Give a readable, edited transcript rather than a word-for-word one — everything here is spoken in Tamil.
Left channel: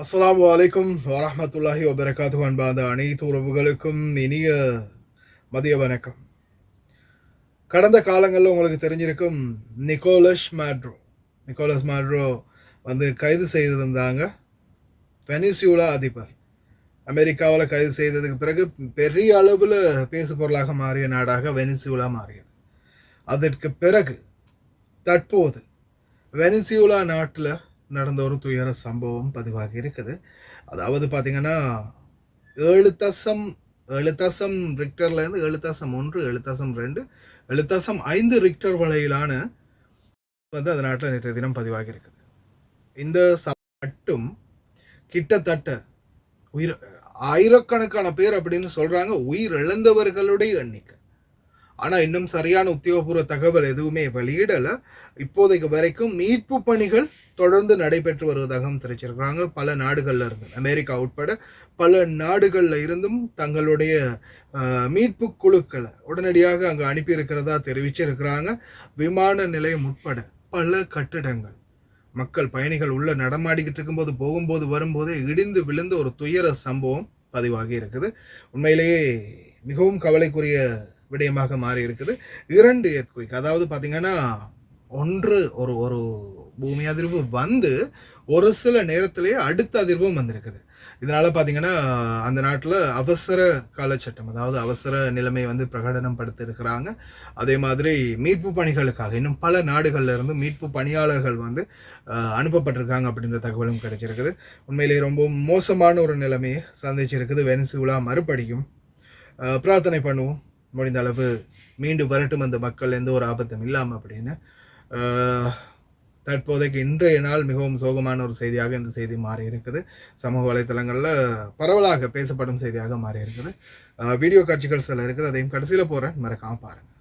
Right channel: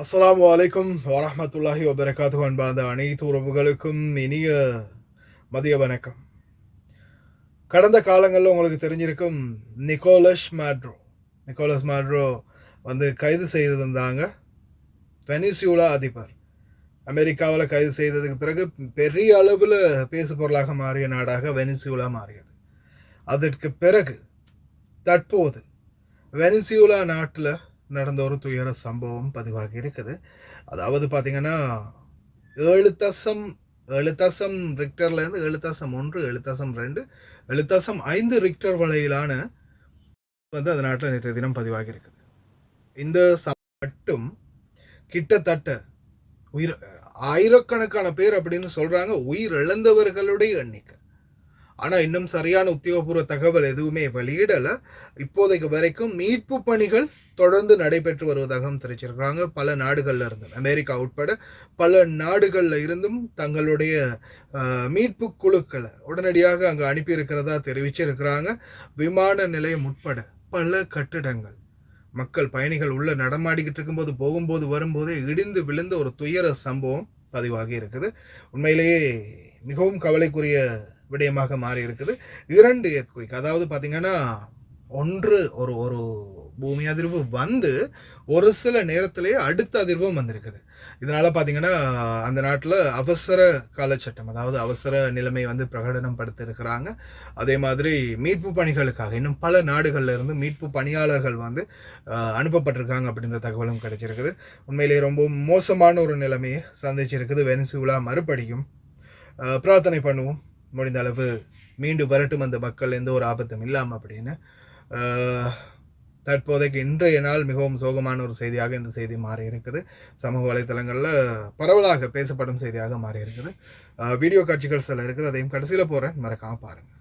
அஸ்ஸலாமு அலைக்கும் வரஹ்மத்துல்லாஹி வபரகாத்துஹு. அன்பார்ந்த அனைத்து உறவுகளுக்கும் இனிய மதிய வணக்கம். கடந்த காலங்களில் உங்களுக்கு தெரிஞ்சிருக்கும் நிக்கோலஸ் மேட்ரோ கைது செய்திருந்தாங்க. வெனிசுலா அதிபர் அமெரிக்காவில் கைது செய்ததுக்கு பிறகு பெரிய அளவில் பேசு பொருளாக மாறிய நாடாக வெனிசுலா மாறியது. அதற்கு பிறகு தற்போது வெனிசுலா நாட்டில் நடந்த ஒரு துயர சம்பவம் பதிவாகி இருக்குது. அதாவது பார்த்தீங்கன்னா 7.7 ரிக்டர்லேருந்து 7.1 7.2 7.5 ரிக்டர் வரையிலான அந்த நாட்டில் நேற்றைய தினம் பதிவாகி இருக்குது. இந்த மட்டும் கிட்டத்தட்ட ஆயிரக்கணக்கான பேர் அப்படின்னு சொல்றாங்க உயிர் இழந்தவர்களுடைய எண்ணிக்கை. ஆனால் இன்னும் சரியான உத்தியோகபூர்வ தகவல் எதுவுமே வெளியிடலை. இப்போதைக்கு வரைக்கும் மீட்பு பணிகள் தொடர்ந்து நடைபெற்று வருவதாகவும் தெரிவிச்சிருக்கிறாங்க. பல நாடுகளில் இருந்து, அமெரிக்கா உட்பட பல நாடுகளில் இருந்தும் தங்களுடைய மீட்பு குழுக்களை உடனடியாக அங்கே அனுப்பியிருக்கிறதா தெரிவிச்சிருக்கிறாங்க. விமான நிலையம் உட்பட பல கட்டிடங்கள் மக்கள் பயணிகள் உள்ள நடமாடிக்கிட்டு இருக்கும்போது போகும்போது வரும்போதே இடிந்து விழுந்த ஒரு துயர சம்பவம் பதிவாகி இருக்குது. உண்மையிலேயே மிகவும் கவலைக்குரிய விடயமாக மாறி இருக்குது. 2 எர்த்குயிக், அதாவது பார்த்தீங்கன்னா ஒன்று ஒரு பூமி அதிர்வு ஒரு சில நேரத்திலேயே அடுத்த அதிர்வும் வந்திருக்குது. இதனால பார்த்தீங்கன்னா அந்த நாட்டில் அவசர காலச்சட்டம், அதாவது அவசர நிலைமை பிரகடனம் படுத்திருக்கிறாங்க. அதே மாதிரி மீட்பு பணிகளுக்காக இன்னும் பல நாடுகளில் இருந்து மீட்பு பணியாளர்கள் அனுப்பப்பட்டிருக்காங்க அப்படின்ற தகவலும் கிடைச்சிருக்குது. உண்மையிலேயே ரொம்ப மோசமான ஒரு நிலைமையை சந்திச்சிருக்குது வெனிசுலா. மறுபடியும் பிரார்த்தனை பண்ணுவோம், முடிந்த அளவு மீண்டு வரட்டும் அந்த மக்கள், எந்த ஒரு ஆபத்தும் இல்லாமல் அப்படின்னு. தற்போதைக்கு இன்றைய நாள் மிகவும் சோகமான ஒரு செய்தியாக இந்த செய்தி மாறி இருக்குது. சமூக வலைத்தளங்களில் பரவலாக பேசப்படும் செய்தியாக மாறி இருக்குது. வீடியோ காட்சிகள் சில இருக்குது, அதையும் கடைசியில் போகிறேன், மறக்காமல் பாருங்கள்.